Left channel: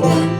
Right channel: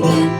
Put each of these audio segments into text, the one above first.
begun.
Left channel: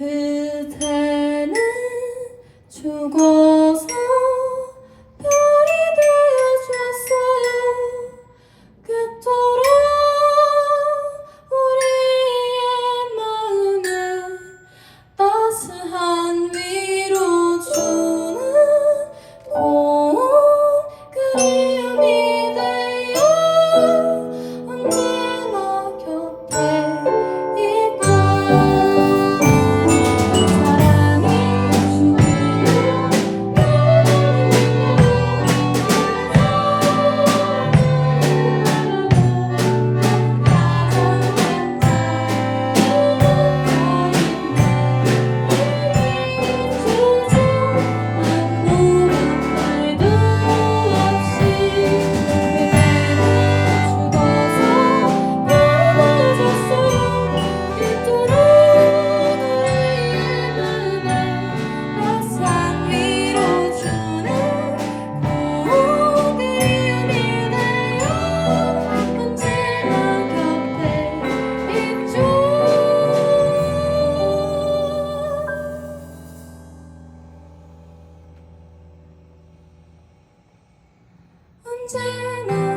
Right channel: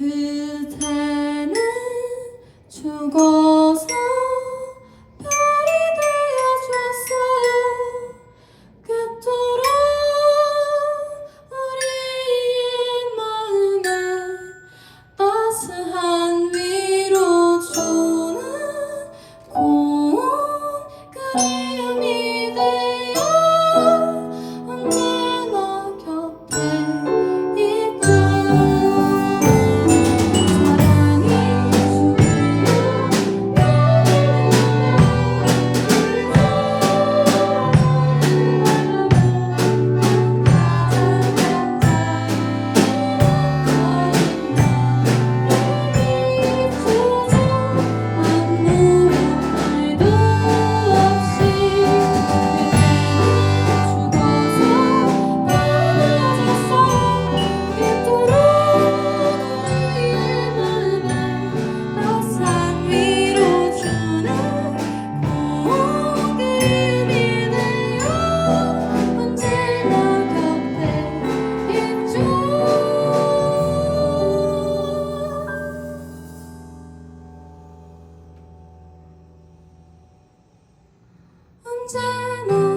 who Eternal.